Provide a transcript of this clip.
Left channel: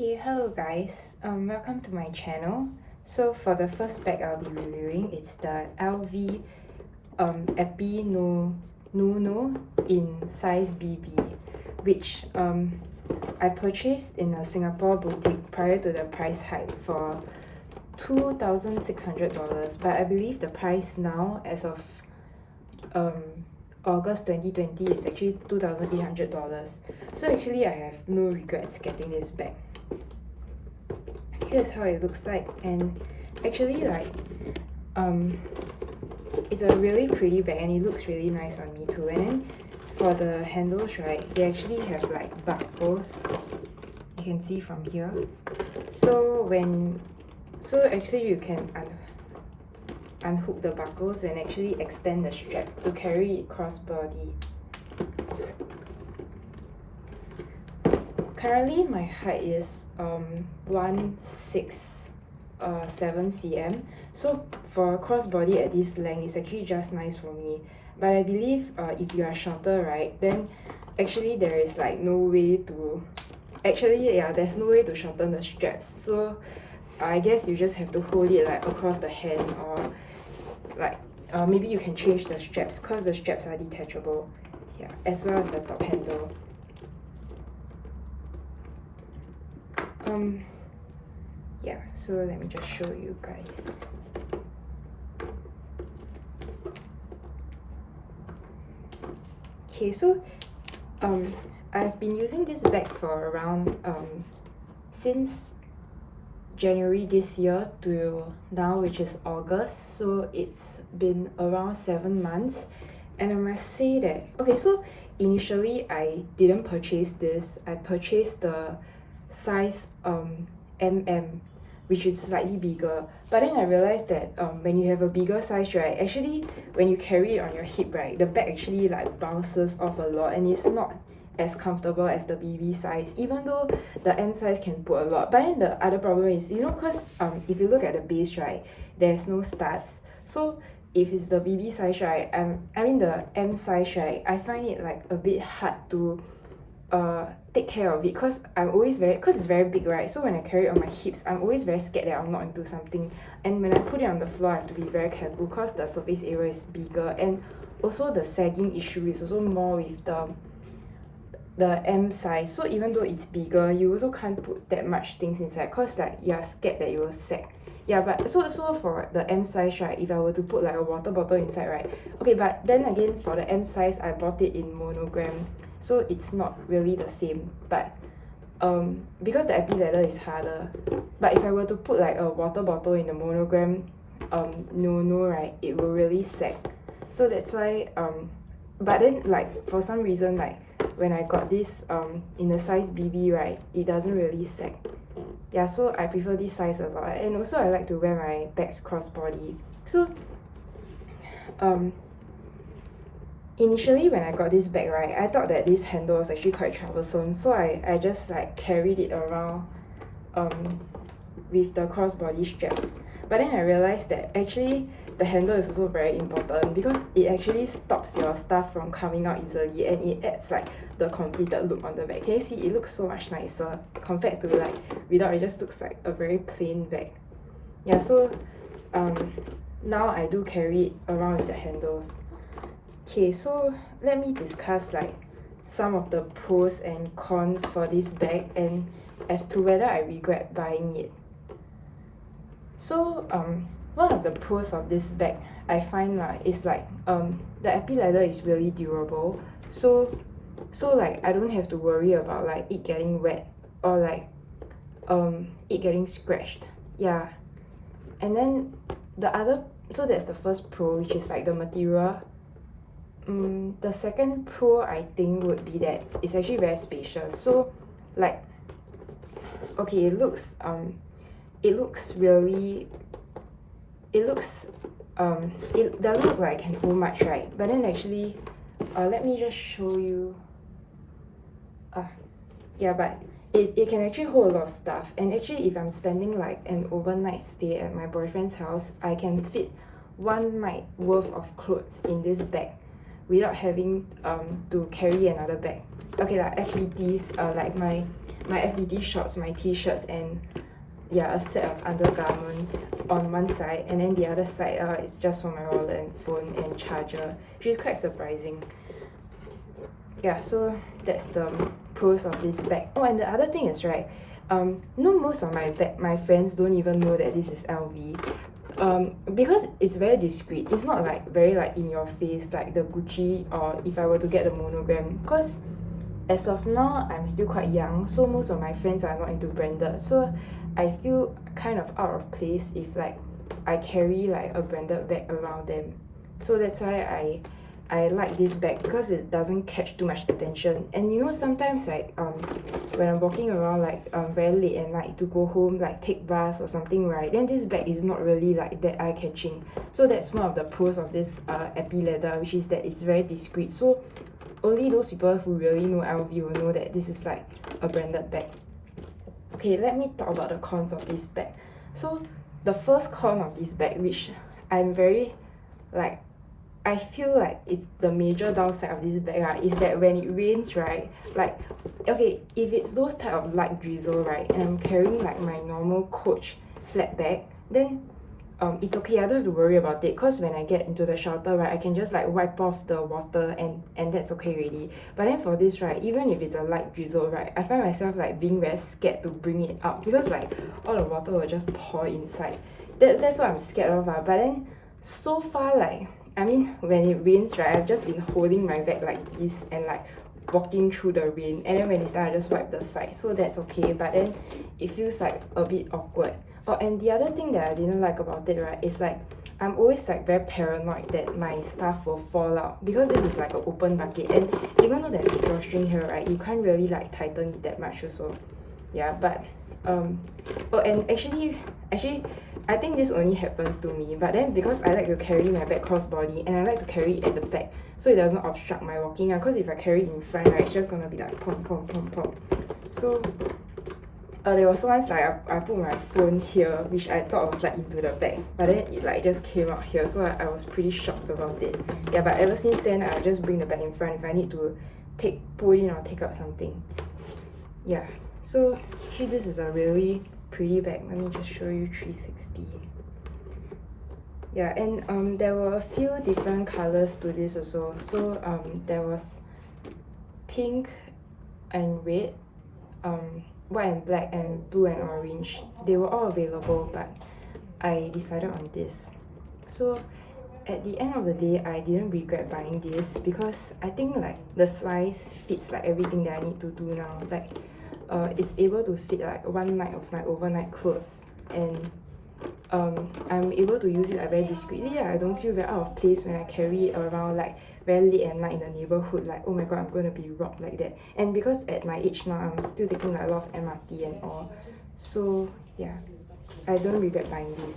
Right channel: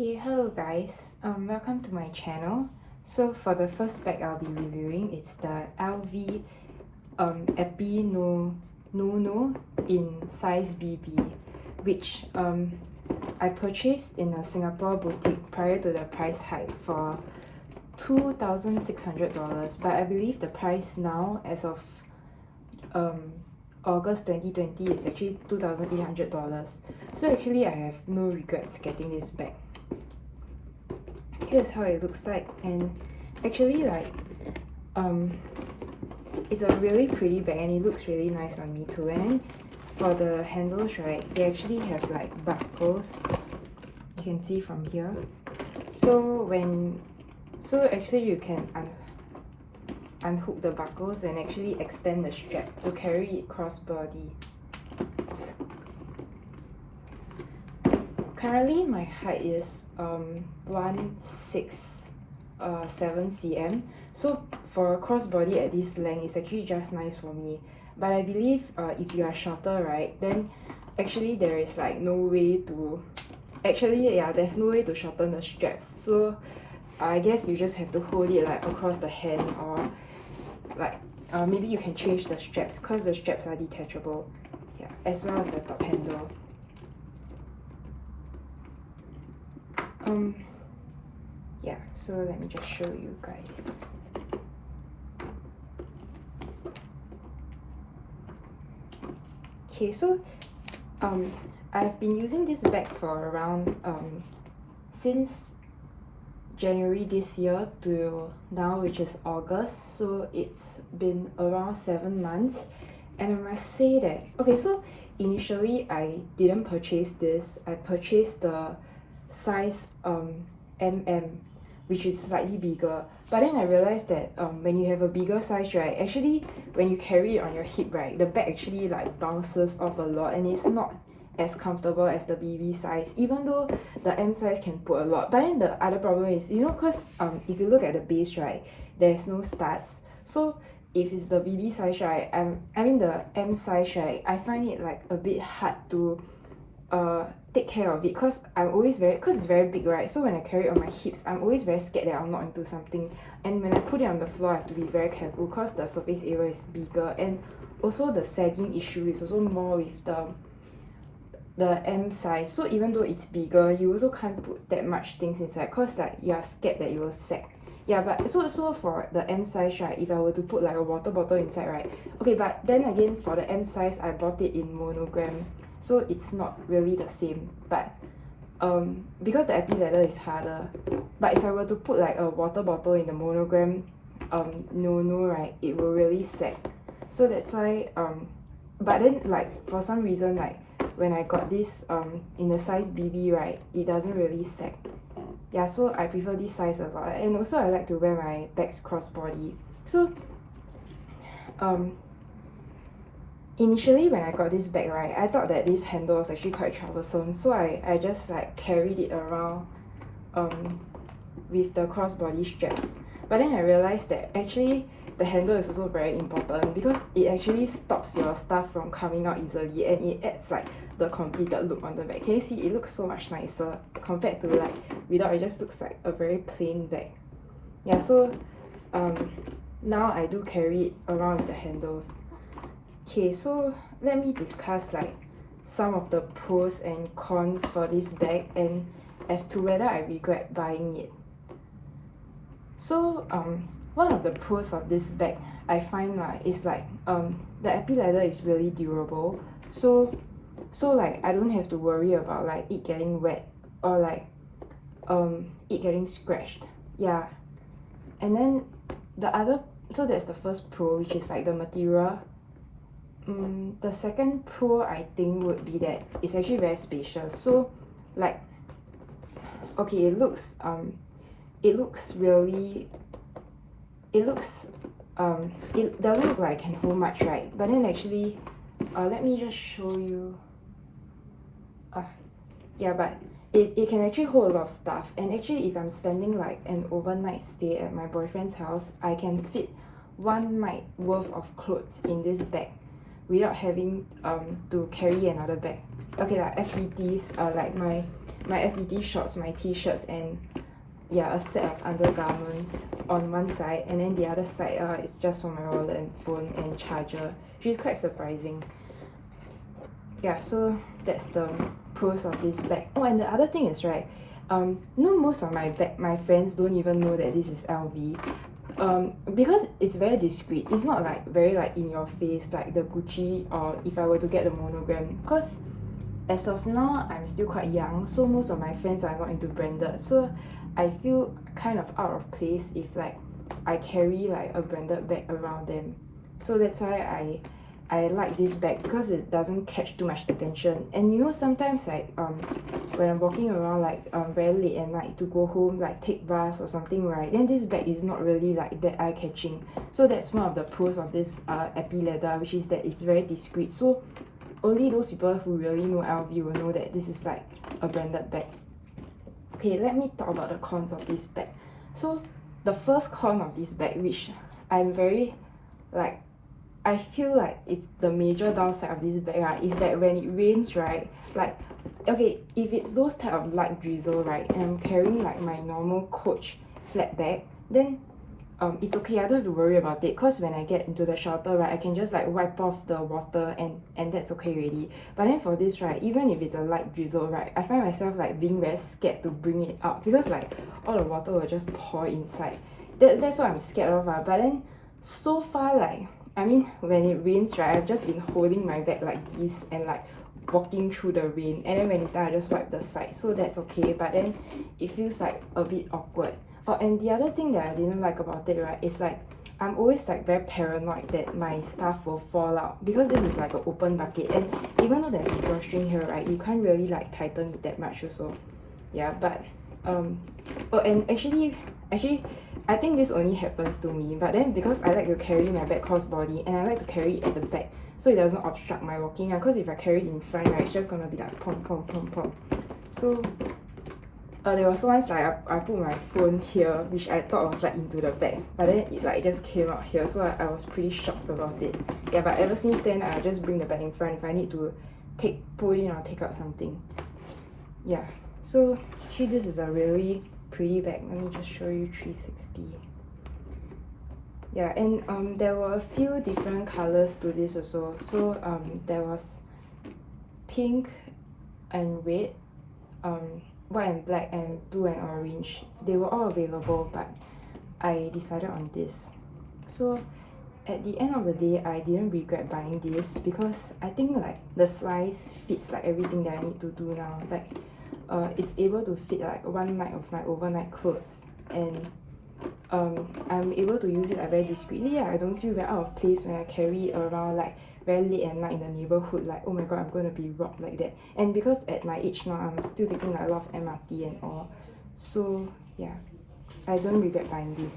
Okay, hello guys. Welcome to my channel. So for the first bag I'll be reviewing, it's the LV EP No in size BB, which I purchased in a Singapore boutique prior to the price hike for $2,600, but I believe the price now as of August 2020 is actually $2,800. So actually I have no regrets getting this bag. Here's how it looks like, and actually it's a really pretty bag and it looks really nice on me too. And then for the handles, right, they actually have like buckles, you can see from here. So actually you can unhook the buckles and actually extend the strap to carry it crossbody. Currently my height is 167 cm, so for crossbody at this length it's actually just nice for me. But I believe if you are shorter, right, then actually there is like no way to there's no way to shorten the straps, so I guess you just have to hold it like across the hand, or like maybe you can change the straps because the straps are detachable, yeah, as well as the top handle. Yeah, so let me just show you guys. Okay, so I've been using this bag for around since January this year to now, which is August, so it's been around 7 months. And I must say that, okay, so initially I didn't purchase this. I purchased the size MM, which is slightly bigger, but then I realized that when you have a bigger size, right, actually when you carry it on your hip, right, the bag actually like bounces off a lot and it's not as comfortable as the BB size, even though the M size can put a lot. But then the other problem is, you know, because if you look at the base, right, there's no studs. So if it's the BB size, right, I mean the M size, right, I find it like a bit hard to take care of it, because it's very big, right? So when I carry it on my hips, I'm always very scared that I'll knock into something, and when I put it on the floor I have to be very careful because the surface area is bigger, and also the sagging issue is also more with the M size. So even though it's bigger, you also can't put that much things inside because like you're scared that it will sag. Yeah, but so for the M size, right, if I were to put like a water bottle inside, right, okay, but then again for the M size I bought it in monogram, so it's not really the same. But because the epi leather is harder, but if I were to put like a water bottle in the monogram no, right, it will really sag. So that's why but then like for some reason, like when I got this in the size BB, right, it doesn't really sag. Yeah, so I prefer this size a lot, and also I like to wear my bags crossbody. So initially when I got this bag, right, I thought that this handle was actually quite troublesome, so I just like carried it around with the crossbody straps. But then I realized that actually the handle is also very important because it actually stops your stuff from coming out easily, and it adds like the completed look on the bag. Can you see, it looks so much nicer compared to like without. It just looks like a very plain bag. Yeah, so now I do carry it around with the handles. Okay, so let me discuss like some of the pros and cons for this bag and as to whether I regret buying it. So one of the pros of this bag I find like is like the epi leather is really durable, so like I don't have to worry about like it getting wet or like it getting scratched. Yeah, and then so that's the first pro, which is like the material. The second pro I think would be that it's actually very spacious. So like, okay, it doesn't look like it can hold much, right? But then actually let me just show you. Yeah, but it can actually hold a lot of stuff, and actually if I'm spending like an overnight stay at my boyfriend's house, I can fit one night worth of clothes in this bag, without having to carry another bag. Okay, like FBTs, like my FBT shorts, my t-shirts, and yeah, a set of undergarments on one side, and then the other side is just for my wallet and phone and charger, which is quite surprising. Yeah, so that's the pros of this bag. Oh, and the other thing is, right, most of my friends don't even know that this is LV. Because it's very discreet. It's not like very like in your face like the Gucci, or if I were to get the monogram, because as of now I'm still quite young, so most of my friends are not into branded, so I feel kind of out of place if like I carry like a branded bag around them. So that's why I like this bag, because it doesn't catch too much attention. And you know, sometimes like when I'm walking around like very late at night to go home, like take bus or something, right, then this bag is not really like that eye-catching. So that's one of the pros of this Epi leather, which is that it's very discreet. So only those people who really know LV will know that this is like a branded bag. Okay, let me talk about the cons of this bag. So the first con of this bag, which I'm very like, I feel like it's the major downside of this bag, right, is that when it rains, right, like, okay, if it's those type of light drizzle, right, and I'm carrying like my normal Coach flat bag, then it's okay, I don't have to worry about it, because when I get into the shelter, right, I can just like wipe off the water and that's okay already. But then for this, right, even if it's a light drizzle, right, I find myself like being very scared to bring it out, because like all the water will just pour inside. That's what I'm scared of. But then so far, like, I mean, when it rains, right, I've just been holding my bag like this and like walking through the rain, and then when it's done, I just wipe the side, so that's okay. But then it feels like a bit awkward. Oh, and the other thing that I didn't like about it, right, is like I'm always like very paranoid that my stuff will fall out, because this is like an open bucket, and even though there's a drawstring here, right, you can't really like tighten it that much also. Yeah, but oh, and actually I think this only happens to me, but then because I like to carry my bag crossbody and I like to carry it at the back, so it doesn't obstruct my walking, because if I carry it in front, right, it's just gonna be like pom pom pom pom. So there was once like I put my phone here, which I thought was like into the bag, but then it like just came out here, so I was pretty shocked about it. Yeah, but ever since then I just bring the bag in front if I need to pull in or take out something. Yeah, so actually this is a really pretty bag. Let me just show you 360. Yeah, and there were a few different colors to this also. So there was pink and red, white and black, and blue and orange. They were all available, but I decided on this. So at the end of the day, I didn't regret buying this, because I think like the size fits like everything that I need to do now. Like it's able to fit like one night of my overnight clothes, and I'm able to use it like very discreetly. I don't feel very out of place when I carry it around like very late at night in the neighborhood, like, oh my god, I'm going to be robbed like that. And because at my age now, I'm still taking like a lot of MRT and all, so yeah, I don't regret buying this.